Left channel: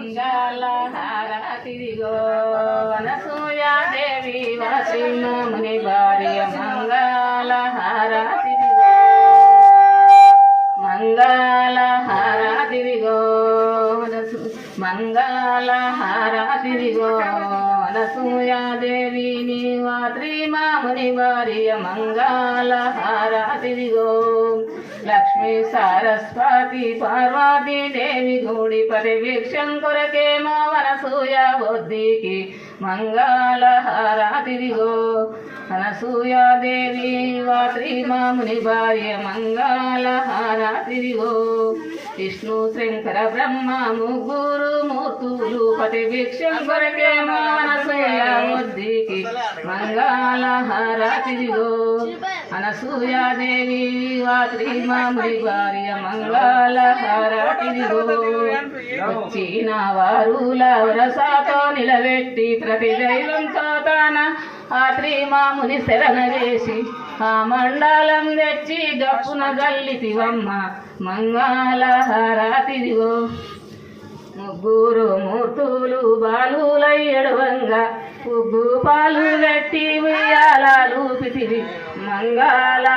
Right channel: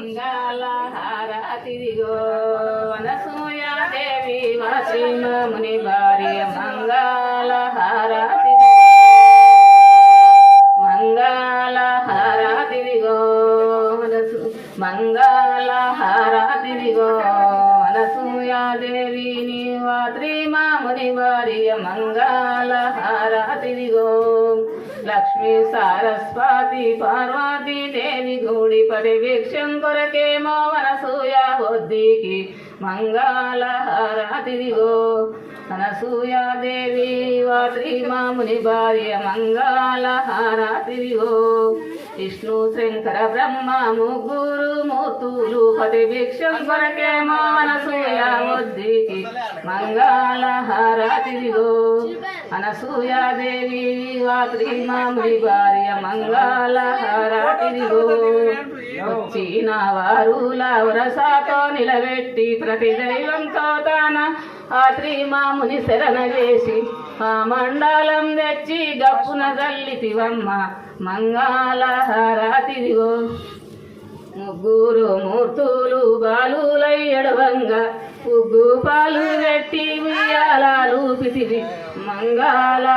మంగళ హారతిదిగో అనసూయాదేవి ముని భార్య మంగళ హారతిదిగో అనసు మంగళ అనసూయాదేవి నీవా శ్రీమాముని భార్య మంగళహారాతిదిగో లక్ష్మీ సారస్వతి పార్వతీ దేవి గుడి పరివీక్షం కొరకే మా బొద్దికి బుద్ధికి హారతిదిగో అనసూయాదేవి వాత్రి మాముని భార్య మంగళహారాత్రిగో విష్ణు శంకర బ్రహ్మ ముగ్గురు మూర్తులు పతి కొరకేమో అనసూయ బుద్ధికి మంగళ అనసూయాదేవి వా శ్రీమాముని భార్య మంగళహారాత్రిగో వచ్చిన వారు లవరసాతో నిలబెట్టి ప్రతి దైవంతో తాన ఆ శ్రీమాముని శరణవేసి ఆ మండలం తెచ్చి గప్పున గల్లితివమ్మ మంగళహారాతిదిగో. ముగ్గురు మూర్తులు బాలులై ఎడవంగా ఉగ్గు పాలు పెట్టి ఉయ్యాలాలు మంగళ